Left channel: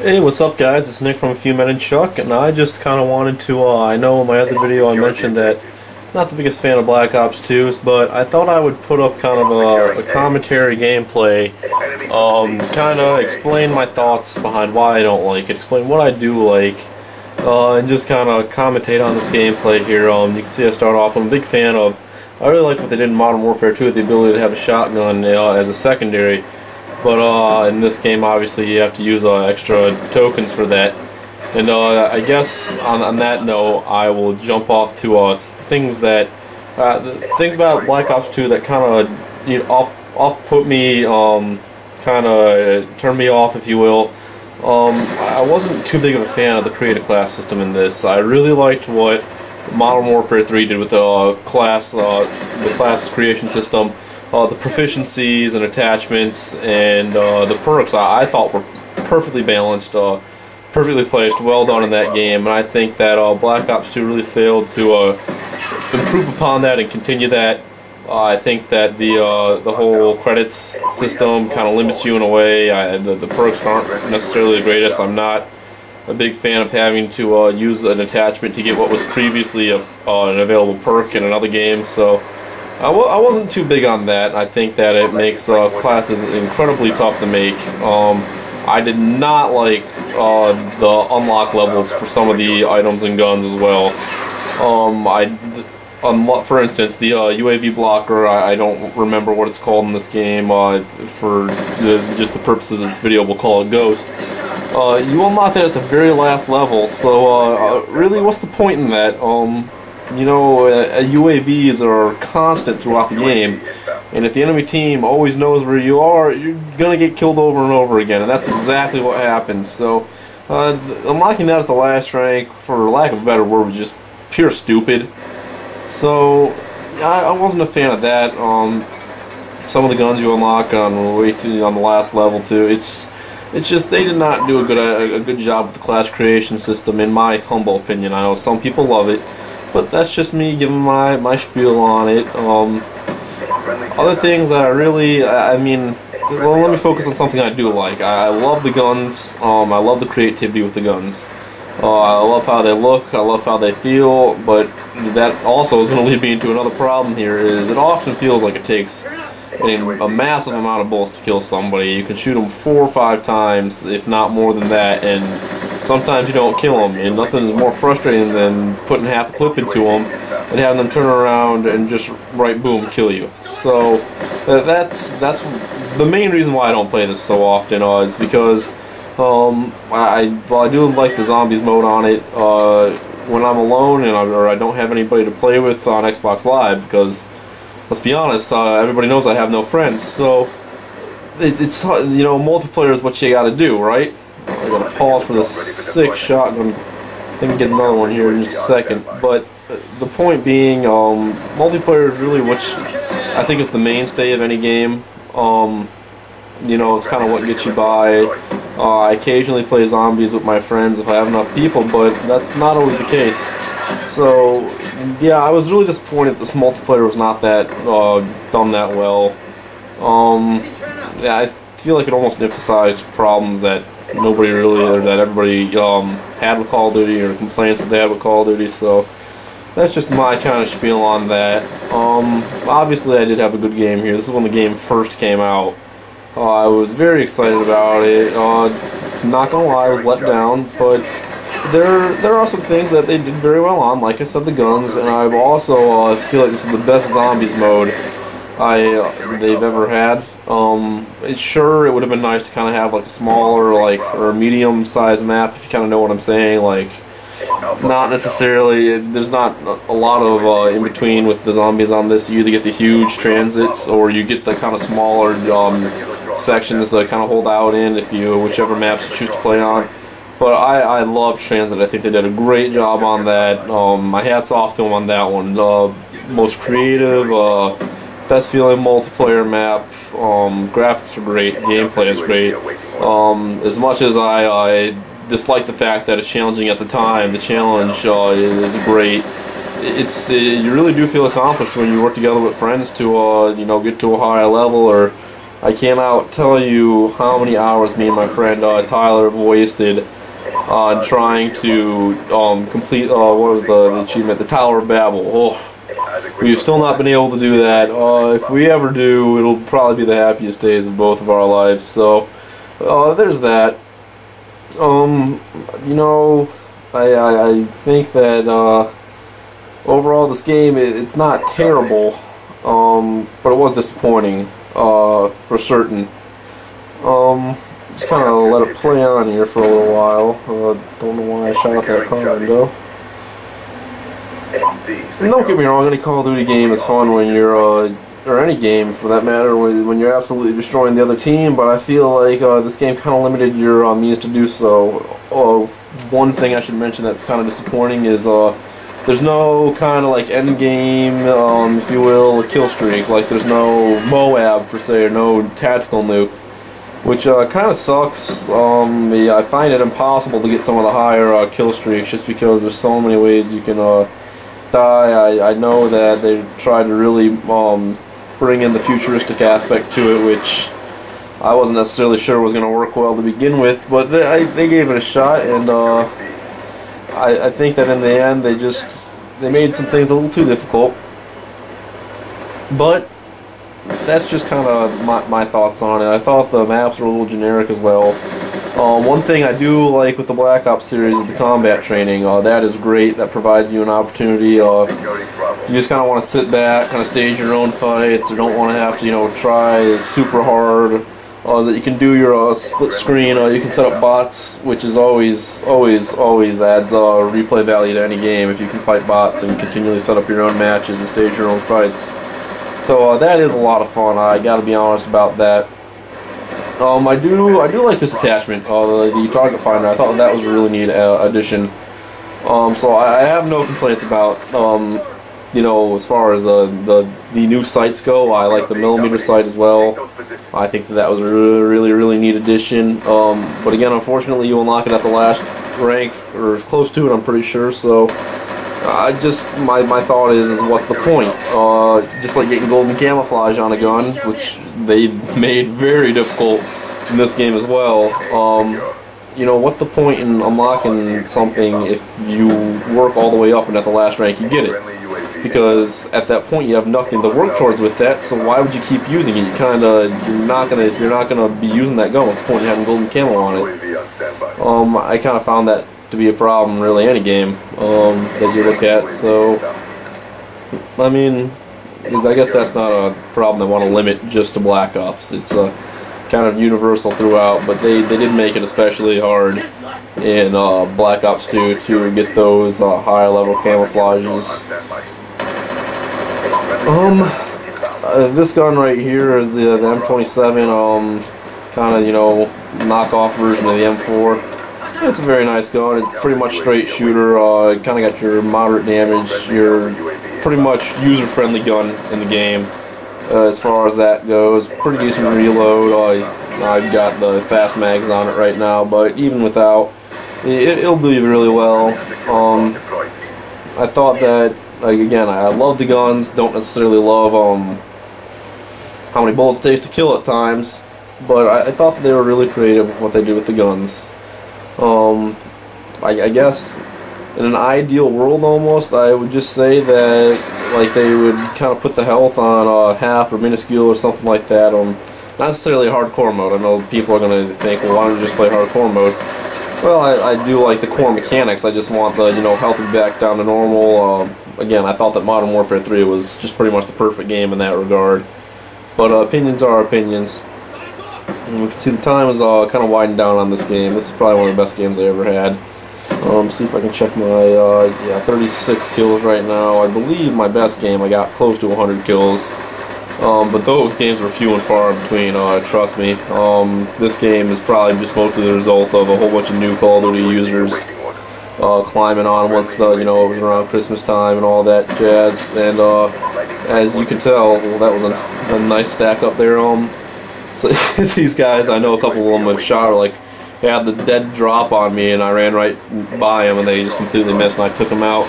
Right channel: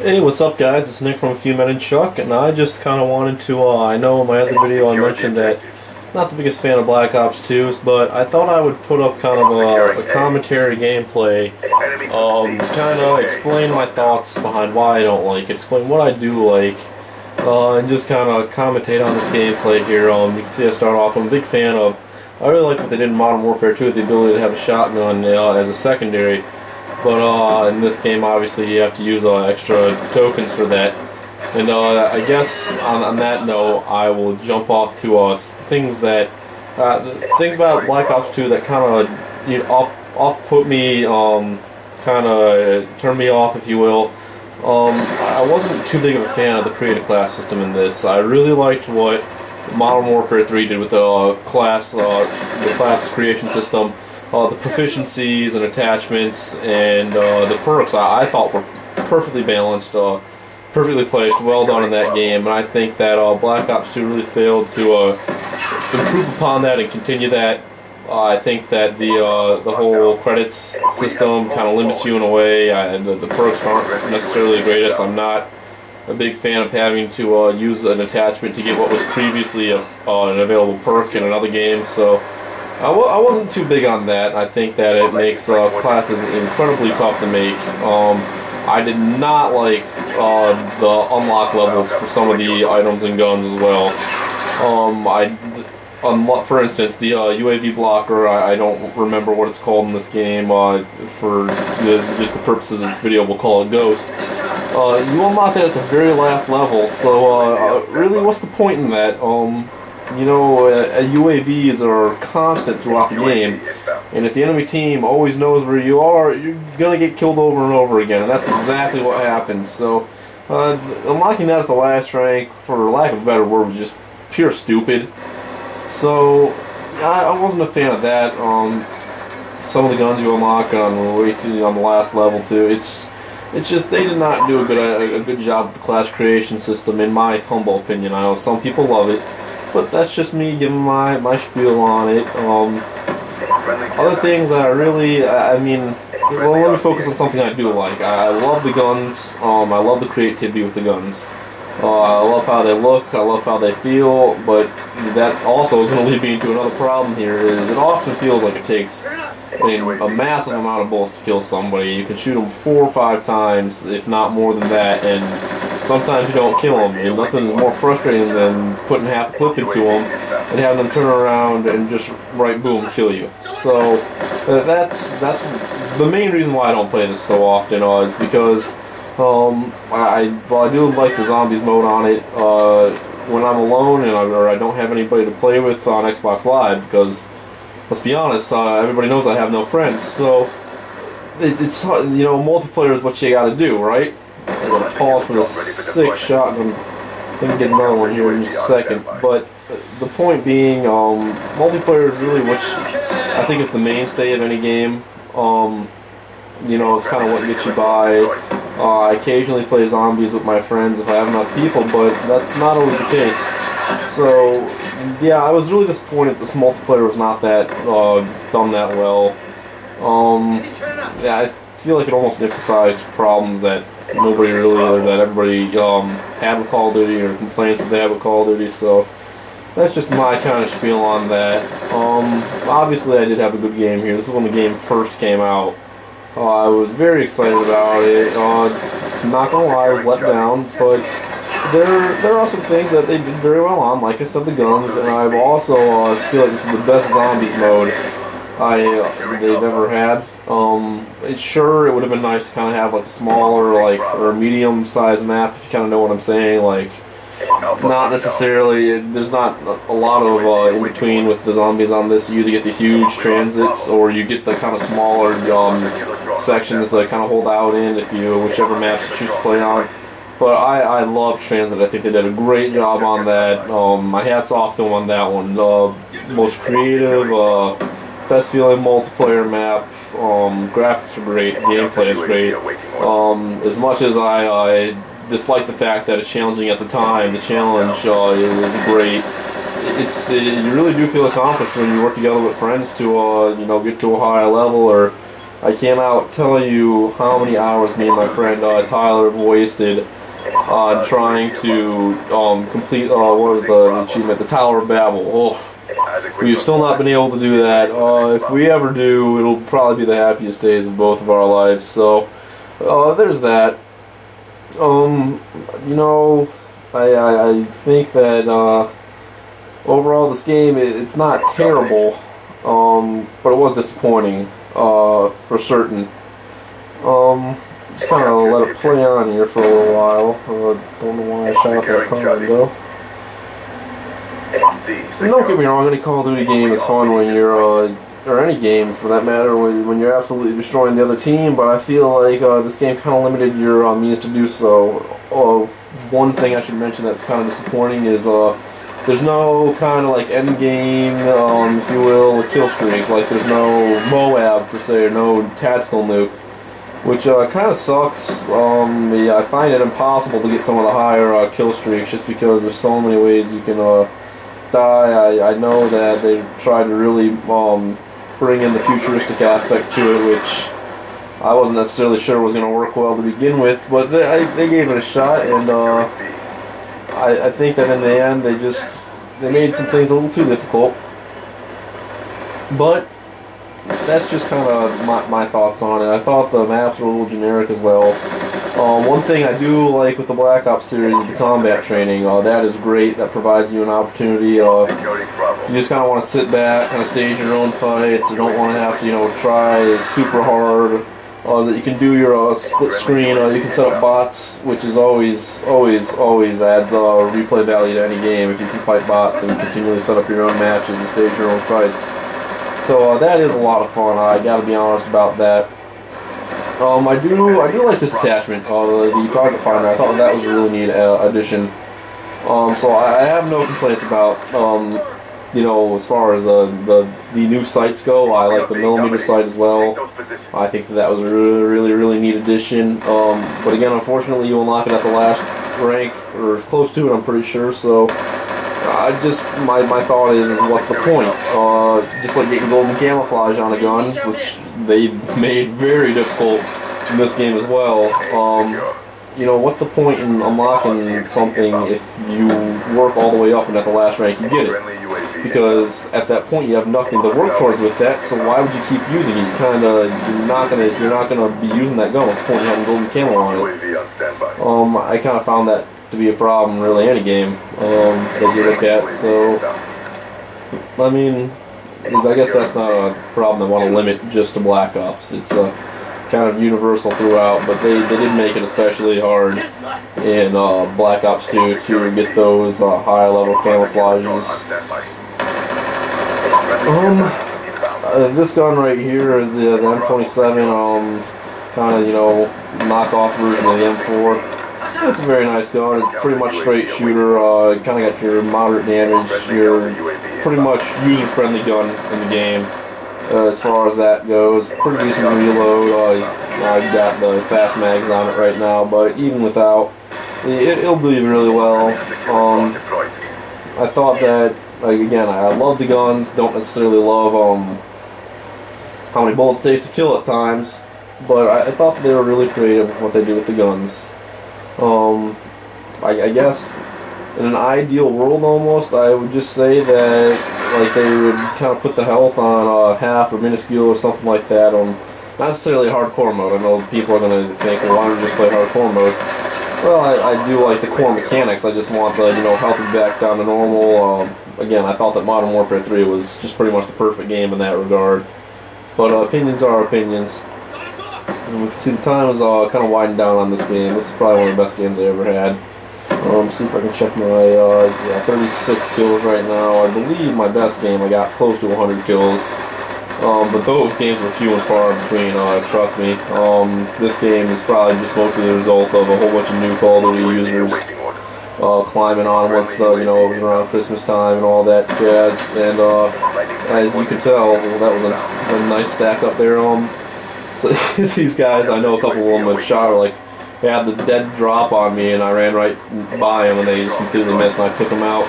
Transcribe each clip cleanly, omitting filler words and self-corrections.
Hey, what's up guys? It's Nick from A Few Men and Chuck, and I just kind of wanted to, I know in my other video I mentioned that I'm not the biggest fan of Black Ops 2s, but I thought I would put up kind of a commentary gameplay, kind of explain my thoughts behind why I don't like it, explain what I do like, and just kind of commentate on this gameplay here. You can see I start off, I'm a big fan of, I really like what they did in Modern Warfare 2 with the ability to have a shotgun as a secondary. But in this game, obviously, you have to use extra tokens for that. And I guess on that note, I will jump off to things that things about Black Ops 2 that kind of off put me, kind of turned me off, if you will. I wasn't too big of a fan of the create a class system in this. I really liked what Modern Warfare 3 did with the class creation system. The proficiencies and attachments and the perks I thought were perfectly balanced, perfectly placed, well done in that game, and I think that Black Ops 2 really failed to improve upon that and continue that. I think that the whole credits system kind of limits you in a way. The perks aren't necessarily the greatest. I'm not a big fan of having to use an attachment to get what was previously an available perk in another game, so I wasn't too big on that. I think that it makes classes incredibly tough to make. I did not like the unlock levels for some of the items and guns as well. For instance, the UAV blocker, I don't remember what it's called in this game. For just the purposes of this video, we'll call it Ghost. You unlock that at the very last level, so really, what's the point in that? You know, UAVs are constant throughout the game, and if the enemy team always knows where you are, you're gonna get killed over and over again, and that's exactly what happens. So, unlocking that at the last rank, for lack of a better word, was just pure stupid. So, I wasn't a fan of that. Some of the guns you unlock on the last level too. It's just they did not do a good job with the class creation system, in my humble opinion. I know some people love it, but that's just me giving my spiel on it. Other things that I really, well, let me focus on something I do like. I love the guns. I love the creativity with the guns. I love how they look. I love how they feel. But that also is going to lead me into another problem here. Is it often feels like it takes a massive amount of bullets to kill somebody. You can shoot them 4 or 5 times, if not more than that, and sometimes you don't kill them, and nothing's more frustrating than putting half a clip into them and having them turn around and just boom, kill you. So that's the main reason why I don't play this so often, is because while I do like the zombies mode on it, when I'm alone or I don't have anybody to play with on Xbox Live, because let's be honest, everybody knows I have no friends, so it's you know, multiplayer is what you gotta do, right? I gotta pause for the sick shotgun. Let me get another one here in just a second. But the point being, multiplayer is really what I think is the mainstay of any game. You know, it's kind of what gets you by. I occasionally play zombies with my friends if I have enough people, but that's not always the case. So, yeah, I was really disappointed this multiplayer was not that done that well. Yeah, I feel like it almost emphasized problems that nobody really, or that everybody had with Call of Duty, or complaints that they had with Call of Duty. So that's just my kind of spiel on that. Obviously, I did have a good game here. This is when the game first came out. I was very excited about it. Not gonna lie, I was let down, but there are some things that they did very well on. Like I said, the guns, and I also feel like this is the best zombies mode they've ever had. Sure, it would have been nice to kind of have like a smaller, or medium-sized map, if you kind of know what I'm saying. Like, not necessarily. There's not a lot of in between with the zombies on this. You either get the huge transits, or you get the kind of smaller sections to kind of hold out in, whichever maps you choose to play on. But I love Transit. I think they did a great job on that. My hat's off to them on that one. Most creative, best feeling multiplayer map. Graphics are great. Gameplay is great. As much as I dislike the fact that it's challenging at the time, the challenge is great. You really do feel accomplished when you work together with friends to you know, get to a high level, or I cannot tell you how many hours me and my friend Tyler have wasted on trying to complete what was the achievement, the Tower of Babel. Oh, we've still not been able to do that. If we ever do, it'll probably be the happiest days of both of our lives. So there's that. You know, I think that overall this game, it's not terrible, but it was disappointing for certain. Just kind of let it play on here for a little while. Don't know why I shot out that car window. And don't get me wrong, any Call of Duty game is fun when you're, or any game for that matter, when you're absolutely destroying the other team, but I feel like this game kind of limited your means to do so. One thing I should mention that's kind of disappointing is there's no kind of like end game, if you will, kill streak. Like there's no Moab per se, or no tactical nuke, which kind of sucks. Yeah, I find it impossible to get some of the higher kill streaks just because there's so many ways you can die. I know that they tried to really bring in the futuristic aspect to it, which I wasn't necessarily sure was going to work well to begin with, but they gave it a shot, and I think that in the end they made some things a little too difficult. But that's just kind of my thoughts on it. I thought the maps were a little generic as well. One thing I do like with the Black Ops series is the combat training. That is great. That provides you an opportunity. You just kind of want to sit back, kind of stage your own fights. You don't want to have to, you know, try super hard. That you can do your split screen. You can set up bots, which is always adds replay value to any game if you can fight bots and continually set up your own matches and stage your own fights. So that is a lot of fun. I got to be honest about that. I do like this attachment, the target finder. I thought that was a really neat addition. So I have no complaints about you know, as far as the new sights go. I like the millimeter sight as well. I think that was a really neat addition. But again, unfortunately, you unlock it at the last rank or close to it, I'm pretty sure. So my thought is what's the point? Just like getting golden camouflage on a gun, which they made very difficult in this game as well. You know, what's the point in unlocking something if you work all the way up and at the last rank you get it? Because at that point you have nothing to work towards with that, so why would you keep using it? You're not gonna be using that gun. What's the point in having golden camo on it? I kind of found that to be a problem, really, any game that you look at. So, I mean, I guess that's not a problem they want to limit just to Black Ops. It's kind of universal throughout, but they did make it especially hard in Black Ops 2 to get those higher level camouflages. This gun right here, the M27, kind of, you know, knockoff version of the M4. It's a very nice gun. It's pretty much straight shooter. Kind of got your moderate damage. Your pretty much user-friendly gun in the game. As far as that goes, pretty decent reload. I've got the fast mags on it right now, but even without, it'll do you really well. I thought that, like, again, I love the guns. Don't necessarily love how many bullets it takes to kill at times, but I thought that they were really creative with what they do with the guns. I guess in an ideal world almost, I would just say that like they would kind of put the health on half or minuscule or something like that on not necessarily a hardcore mode. I know people are going to think, well, why don't you just play hardcore mode? Well, I do like the core mechanics. I just want the, you know, health back down to normal. Again, I thought that Modern Warfare 3 was just pretty much the perfect game in that regard. But opinions are opinions. And we can see the time is kind of winding down on this game. This is probably one of the best games I ever had. See if I can check my, yeah, 36 kills right now. I believe my best game I got close to 100 kills. But those games were few and far between, trust me. This game is probably just mostly the result of a whole bunch of new Call of Duty users climbing on once the, you know, it was around Christmas time and all that jazz. And as you can tell, well, that was a nice stack up there. So these guys, I know a couple of them have shot, like, they had the dead drop on me, and I ran right by them, and they just completely missed, and I took them out.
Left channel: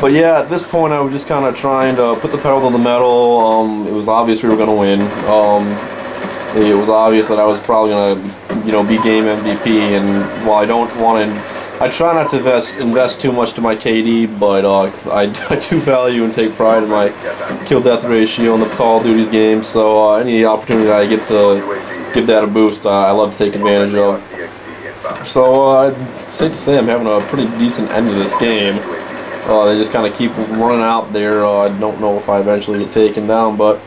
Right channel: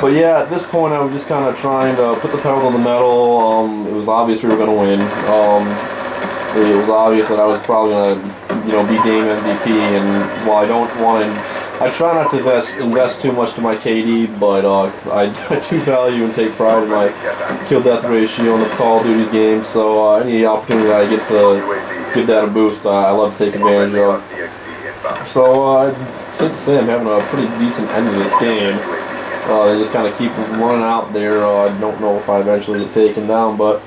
But yeah, at this point, I was just kind of trying to put the pedal to the metal. It was obvious we were going to win. it was obvious that I was probably gonna, you know, be game MVP. And while I don't want to, I try not to invest too much to my KD, but I do value and take pride in my kill-death ratio in the Call of Duty's games. So any opportunity that I get to give that a boost, I love to take advantage of. So safe to say I'm having a pretty decent end of this game. They just kind of keep running out there. I don't know if I eventually get taken down, but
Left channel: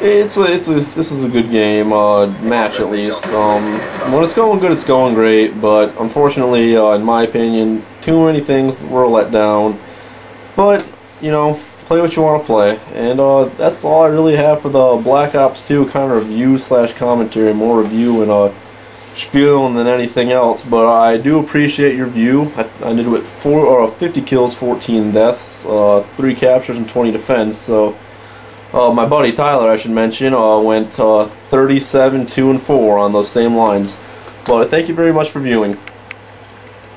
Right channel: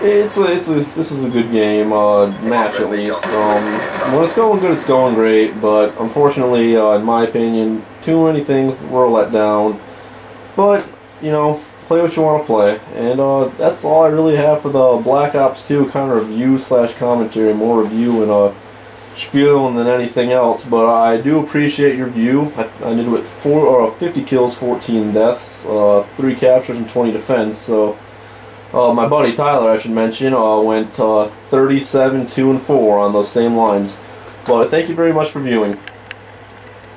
this is a good game, match at least. When it's going good, it's going great, but unfortunately, in my opinion, too many things were let down. But, you know, play what you want to play, and that's all I really have for the Black Ops 2 kind of review / commentary, more review and spiel than anything else. But I do appreciate your view. I ended with 50 kills, 14 deaths, 3 captures, and 20 defense. So my buddy Tyler, I should mention, went 37, 2, and 4 on those same lines. But thank you very much for viewing.